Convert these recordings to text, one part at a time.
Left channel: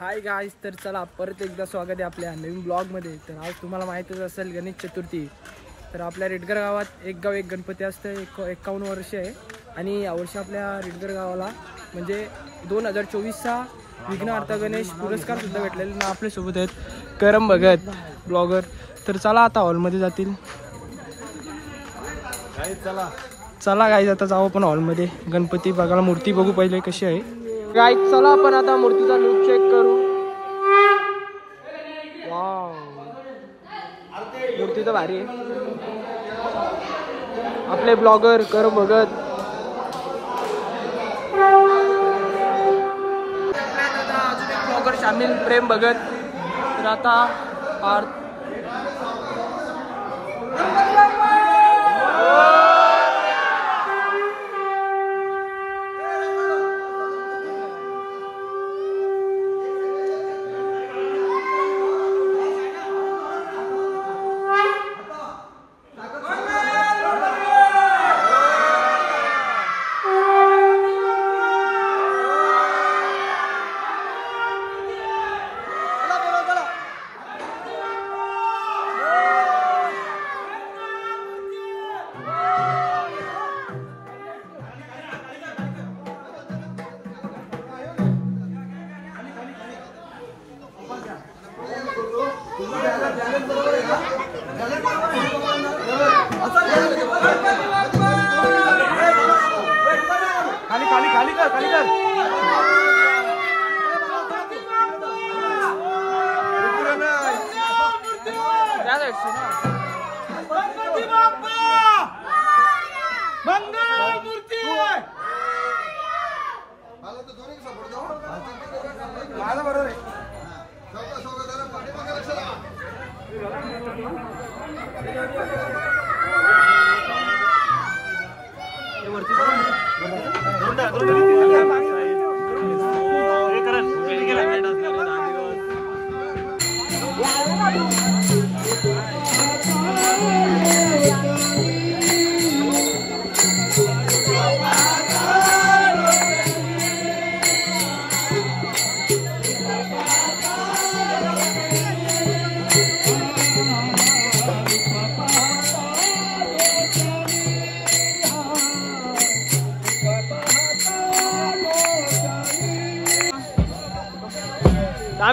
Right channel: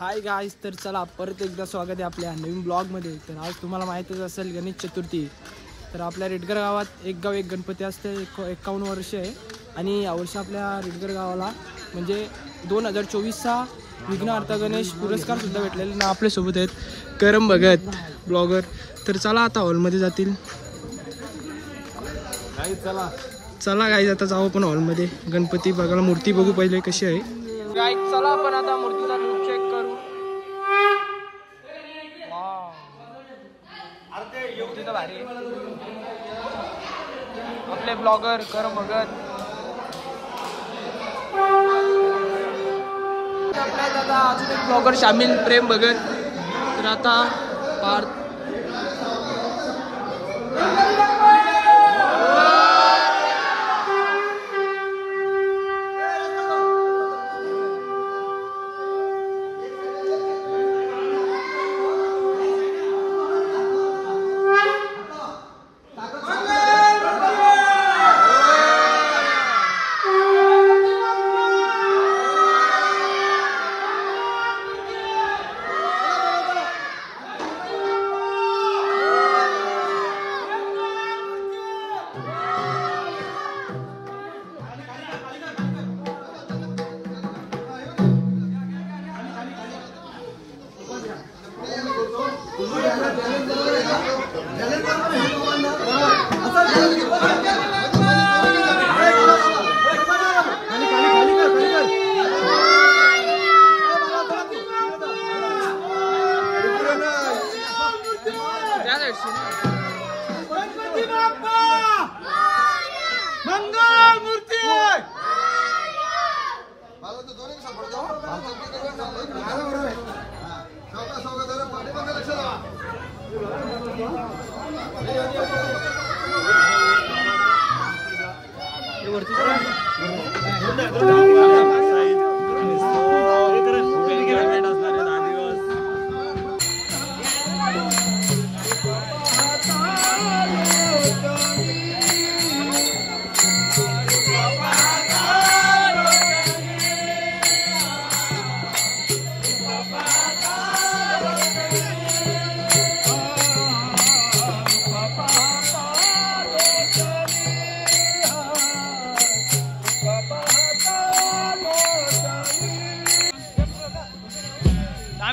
Hi guys, तर चला परत एकदा स्वागत आहे आपल्या नवीन ब्लॉगमध्ये। तर आज तुम्हाला माहीतच असेल गणेश चतुर्थी। तर आपल्या रेडगर गावात एक गाव एक गणपती असते। 51 वर्ष आहे आणि यावर्षी आपल्या रेडगर गावाला म्हणजे 2024चा विघ्नहर्ता गणेश पुरस्कार सुद्धा भेटलेला आपल्यासोबत आहेत करम भगत ब्लॉगर। तर चला आता हॉलमध्ये जातील गाईज। चला गाईज आता जाऊ आपण हॉलमध्ये गणपती बघायला, मूर्ती बघू पहिले कशी आहे गाईज। चला आपण आता मूर्तीचा लुक चेक करू। मूर्ती तर भारी आहे। आपले ब्लॉगर करम भगत, दादा अजून एक ब्लॉगर शामिल प्रेम भगत। तर आता पार्थ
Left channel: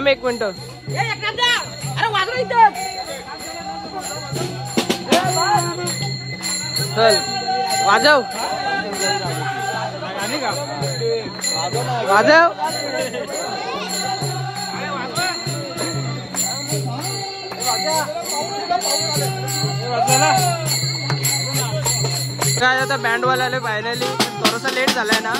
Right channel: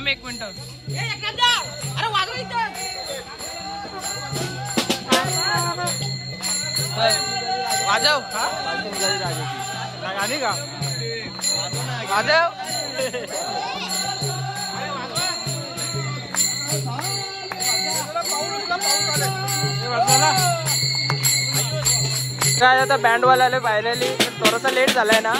एक मिनिट चल वाजव वाजव। काय आता बँड वाला फायनली थोडासा लेट झालाय ना।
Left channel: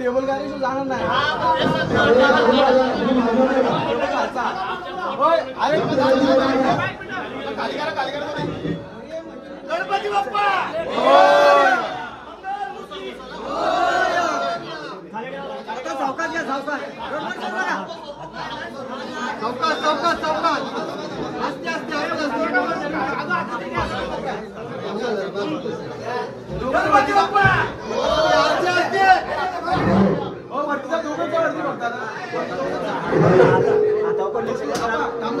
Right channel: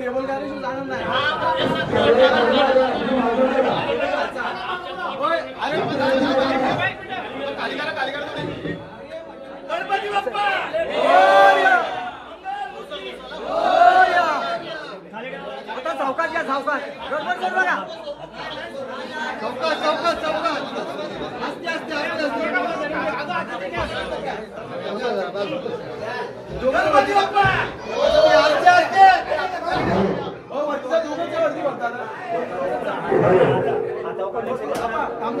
टेबल गाडी जाणार नाही गणपती बाप्पा आता चौकात या चौकात चौकात चौकात चौकात आस्ते आस्ते गणपती बाप्पा आस्ते आस्ते ओ वरतीचा दोघांच्या वरती बघता आता ओकर काम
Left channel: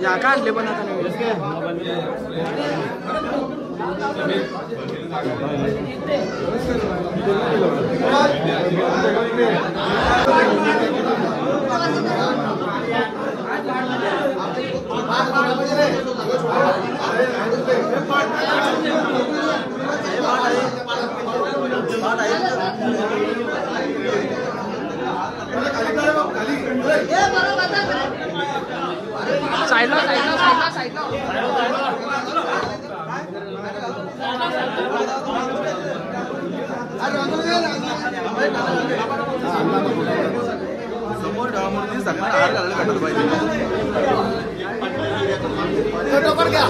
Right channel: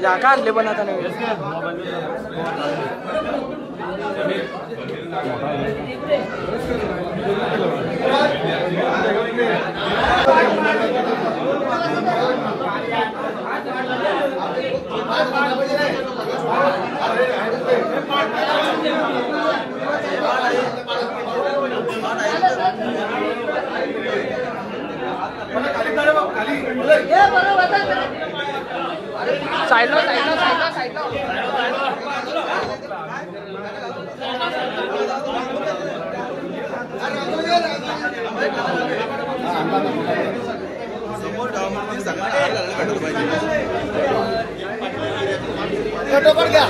या का आणले पण आता नवीन साईडला साईडला साईडला साईडला फोटो पण घ्या.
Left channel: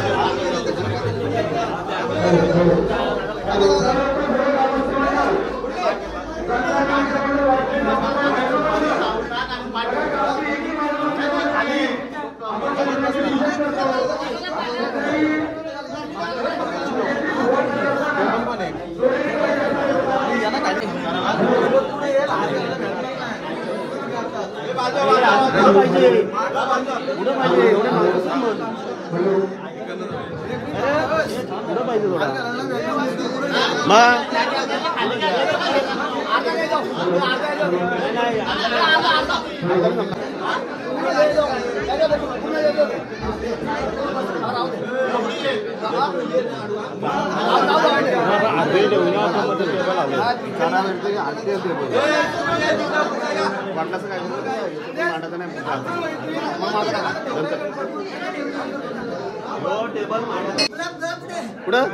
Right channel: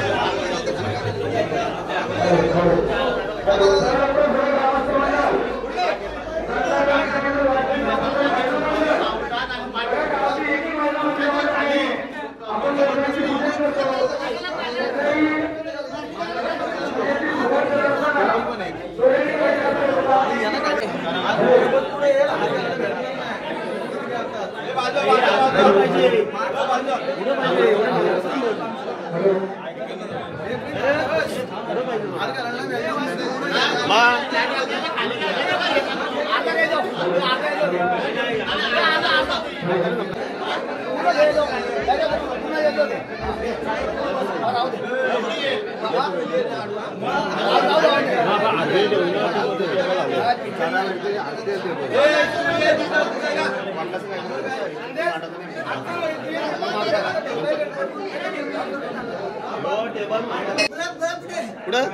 कुठं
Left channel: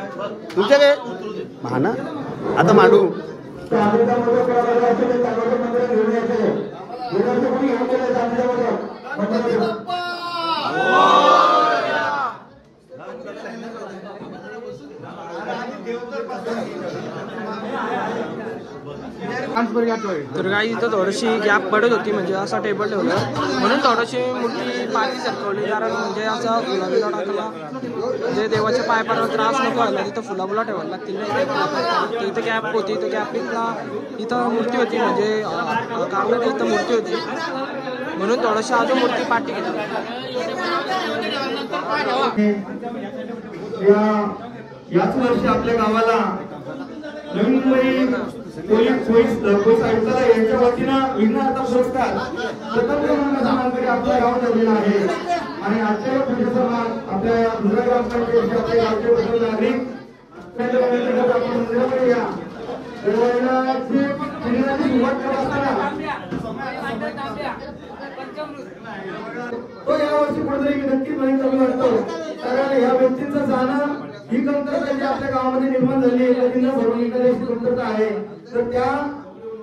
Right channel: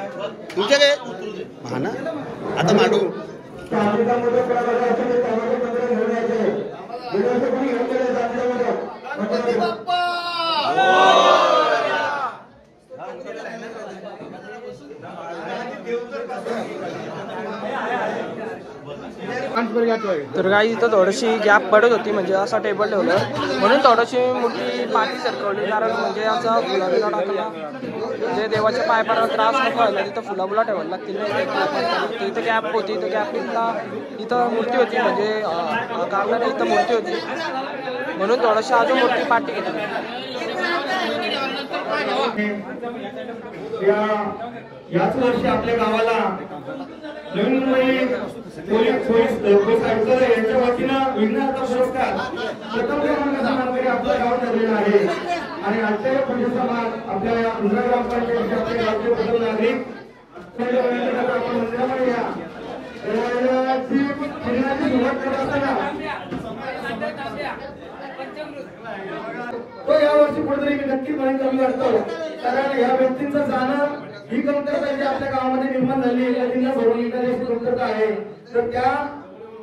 तुमच्याकडे हा ना आता मांडू तर काही इथं थोडीशी गॅप पडत होती, म्हणजे असा टेबल ठेवलं म्हणून थोडीशी मोठी पाठी सरकवली, कारण म्हणजे असा फुलाबिला टाकला म्हणजे देवाच्या पाय पडायला त्रास नको व्हायला, तिथं फुलाबुला ठेवायला लागतील नाही इथं गॅप होती. इथं गॅपला इथं मूर्ती होती, म्हणजे कागदाने इथं मूर्ती होती म्हणून थोडीशी अजून मोठी पाठी घेतली. याच वर्षी आपल्या गावाला नवी मुंबई पोलीस आयुक्त यांच्या वतीनं विघ्नहर्ता पुरस्कार प्रथम क्रमांकाने आपल्या गावात ठरलेला आहे. आणि आजच्या पुढील सन्मान आपल्या इंदिरा ग्रामपंचायतीचे आपले गावचे प्रथम नागरिक आपण मंदिरामध्ये या देवालयाची सुरुवात करत असताना तो यावर्षी कुठेतरी नक्कीच नाही कमी वाटतो, कारण ह्या व्यक्तींचं जाणं ही कमतरता जी आपल्या गावामध्ये निर्माण झाली नदींना भरून निघण्याची कमतरता आहे. तर त्या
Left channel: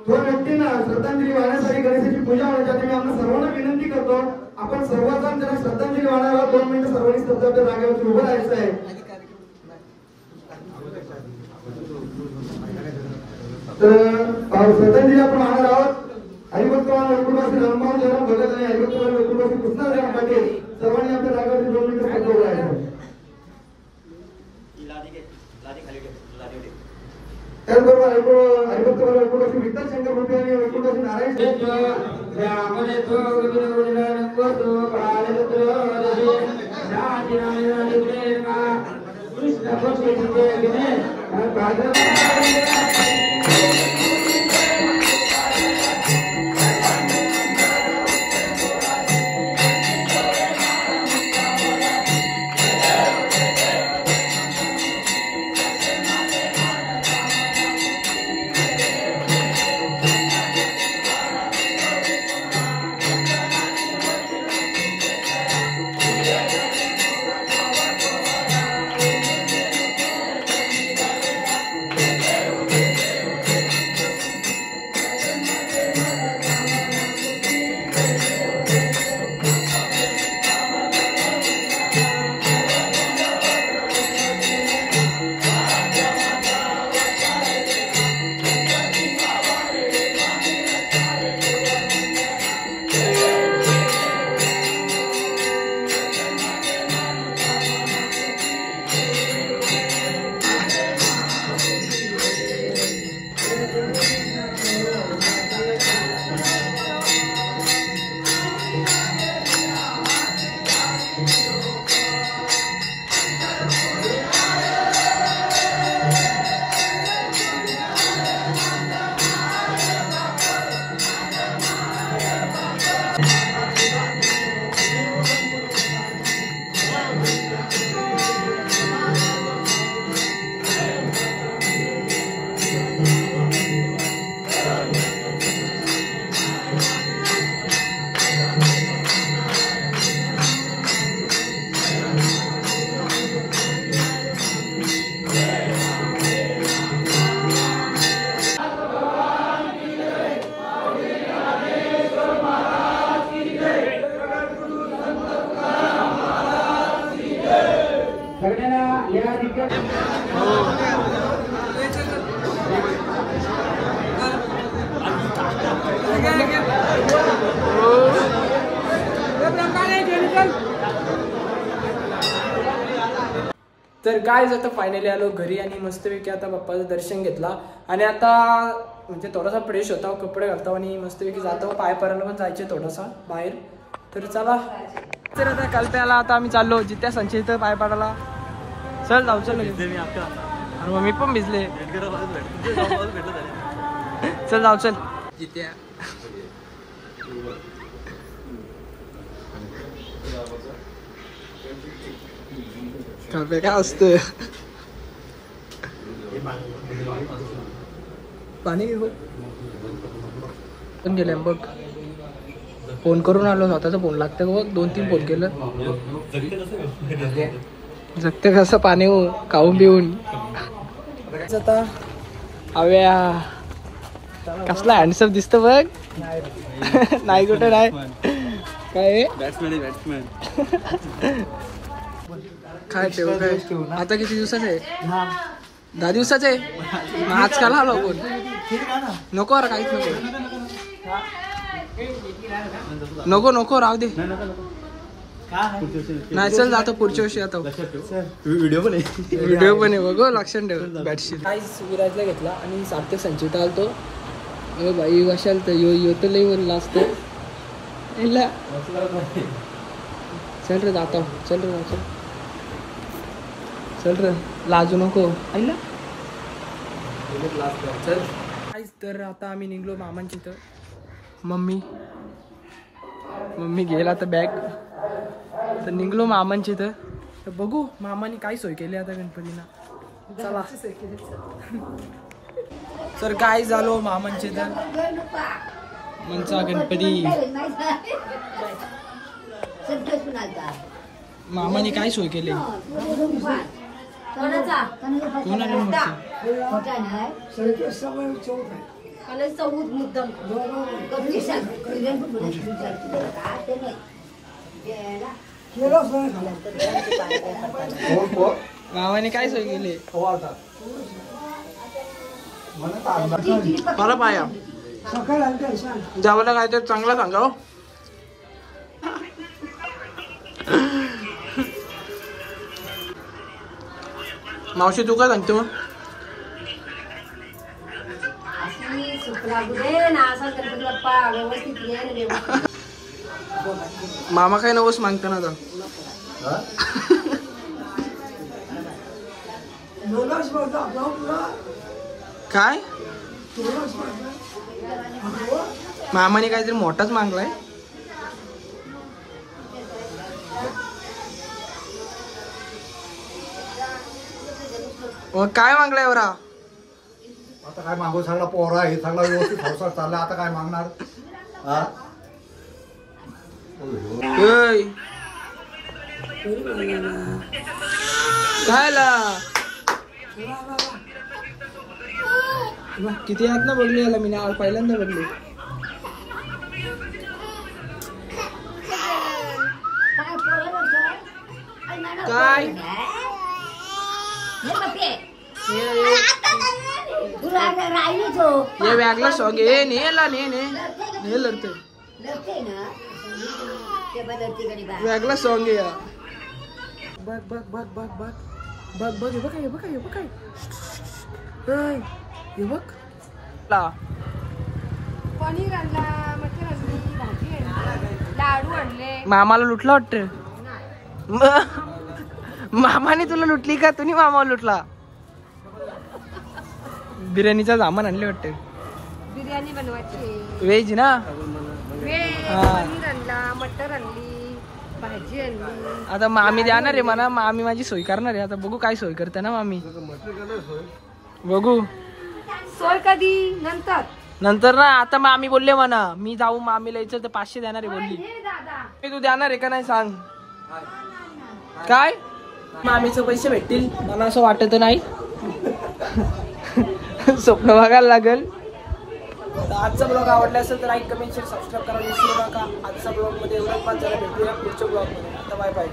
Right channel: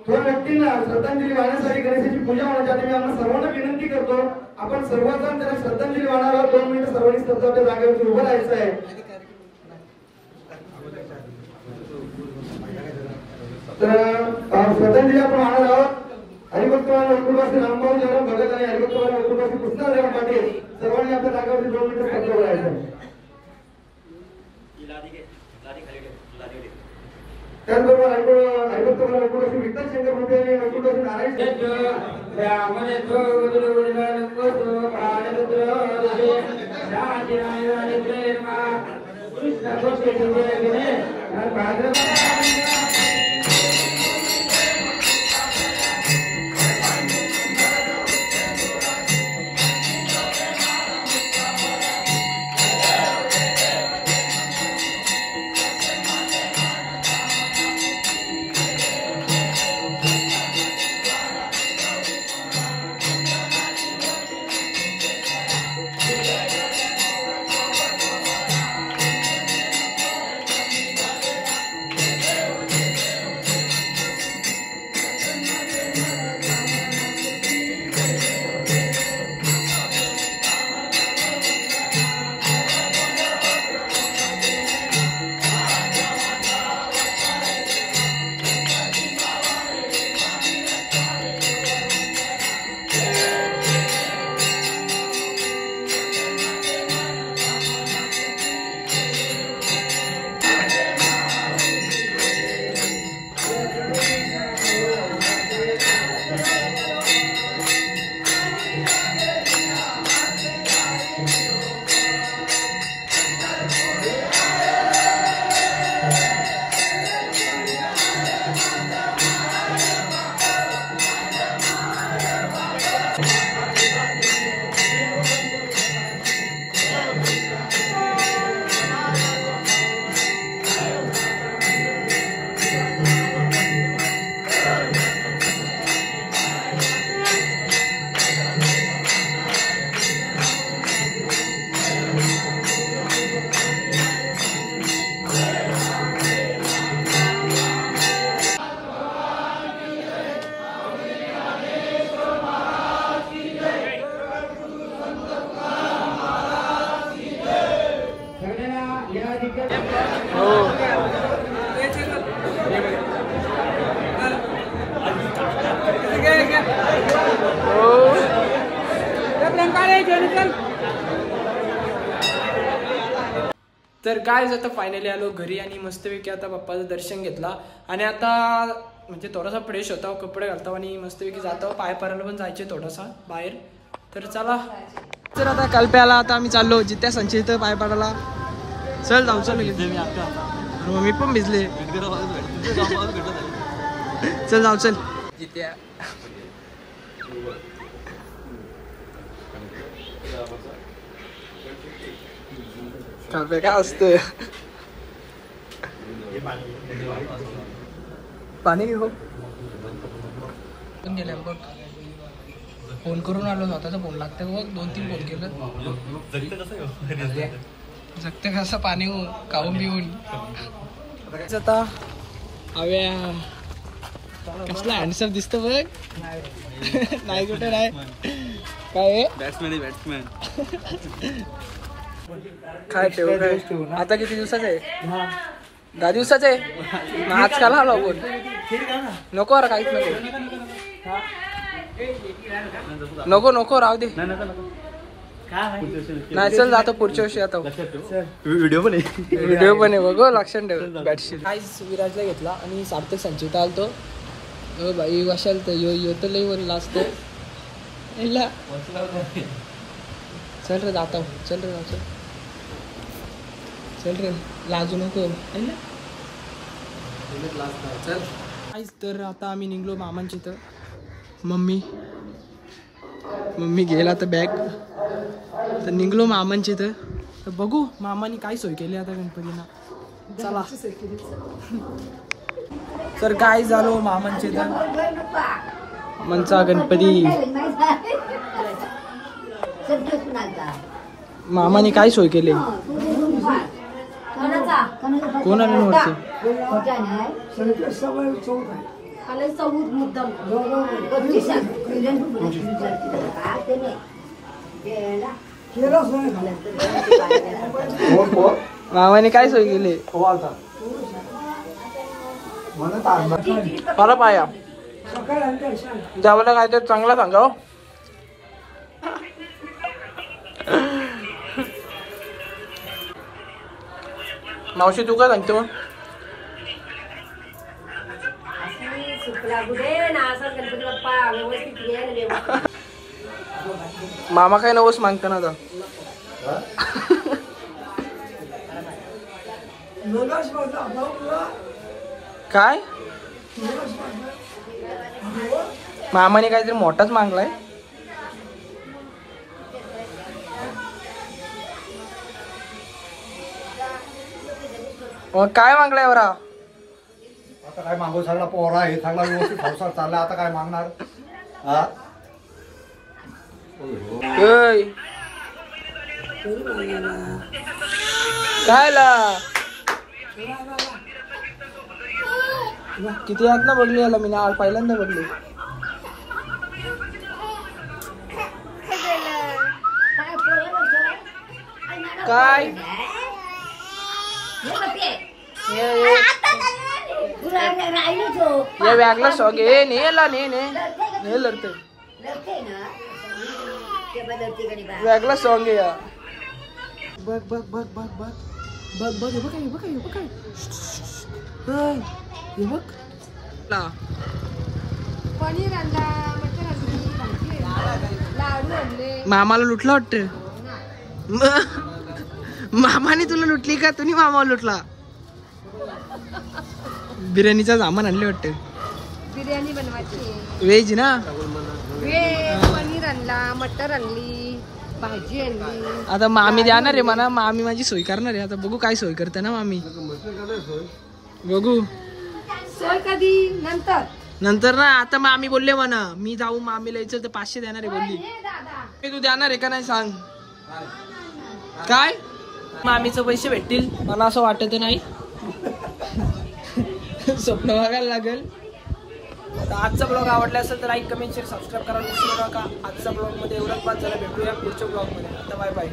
तो व्यक्तींना श्रद्धांजली वाहण्यासाठी गणेशाची पूजा होण्यासाठी मी आपण सर्वांना विनंती करतो, आपण सर्वजण त्यांना श्रद्धांजली वाहणारा 2 मिनिटं सर्वांनी स्तब्धतेच्या जागेवरती उभं राहायचं आहे. तर श्रद्धांजली आपण वाहणार आहोत. हरिभक्तवान वैकुंठवासी रामभाऊ जयराम भगत आणि हरिभक्तवान वैकुंठवासी कृष्णराम पाटील सर्वांनी आपल्या जागेवरती 2 मिनिटं स्तब्ध उभं राहायचं. त्याचबरोबर हरिभक्तवान वैकुंठवासी विठ्ठल शंकर मोठे आणि वैकुंठवासी नारायण तर काय आता फायनली आलो घरी आणि मस्तपैकी आता बाप्पाचं दर्शन घेतला आणि आता म्हणजे थोडासा फ्रेश होता, कपडे घालतो आणि मस्तपैकी जातो. पाय परायला पण जायचे थोडासा बाहेर. तर चला. तर आता कल्प्याला आता आम्ही चाललो जित्या संचित पाय पडायला. चल जाऊ चल घेतले मी आता. आणि मग मी पण भिजले. चल जाऊ चल जित्या. कल्प्या काय असतं पाणी हो पण गेलं बघ. फोन करून आलो स्वतःचा फोन लागतं बघ. 2-3 फोन केलं. जगते कसं पाणी हो खाऊन पिऊन. आता हव्या कसला हँडसम दिसतो बघ. नाही कुठे नाही काय बॅट्समॅन काय ठेव काय. आता किती दिवसाचं आहे? 10 दिवसाचं आहे. मग आज काल आलो आपण. नको अरे काहीच नको नको राहू दे. नाही चल जातो पुढच्या वर्षी आता. व्हिडिओ पण आहे बघ लक्षात ठेव. बॅटशीट काहीच विराजला घेतला आणि सार्थक संचित आलतो. बाई कशाल यो तर लई वर लाजतो. चल रे जाता. चल रे चल चल रे लाजू नको. चल. तर आता आम्ही निघलो मामांची. तर मम्मी गेला तर बॅग. तर निघलो मामांची. तर बघू मामाने काय सोय केली आता गणपतीला. चला. तर काय झालो मामांचे. तर मनचा गणपती मामाने काय सोय केली. कोण आले वरती. मामाने काय सोय केली. मला पाया जेवायला काय तर चांगला सांगा. मावशी तू काय सांगते मग. मामा काय नवस मागता ना आता. काय मामाने काहीतरी मोठाच मागलाय. काय मागलाय बरा. आता काय मागू. सगळा पोरा हे सगळा व्यवस्थित संसार चालला. आता काय मागणार. काय किती आहेत ना बघली याला. मी ना पहिल्यांदा बघली. काय या बॅगला शॉक आहे. नेला ने लढतोय. बॅगला सॉंग आहे या. बघ बघ बघ बघ बघ बघ बघ हे बघ हे बघ हे बघ हे बघ. पनीर आणला, मटर आणली, भाजी आणली, लाडू आणले. मामाला लुटला वाटतं. मामाने तुला लुटली का तुम्ही मामाला लुटला. बिर्याणीचा सामान आणले वाटतं. बिर्याणी बनवायची व्हेज ना. पनीर आणला, मटर आणली, भाजी आणली. आता मामी देणार आहे म्हणा. मामी माझी सोय करणार आहे. आता बघू काय सोय करते ना मामी. बघू सोय कधी नंतर ना. आता मामी बोलले म्हणा मी जाऊ मामीला यायचं तर 500 देणार आहे बोलली. तू देणार आहे का नाही सांग. काय मामीचे पैसे भेटतील मला असं वाटत नाही. स्वप्न बघायला लागेल. आजचा ब्लॉग आवडला असेल तर लाईक कमेंट शेअर सबस्क्राईब करायला विसरू नका. आजचा ब्लॉग मध्ये एवढंच. भेटूया पुढच्या ब्लॉग मध्ये. Bye bye.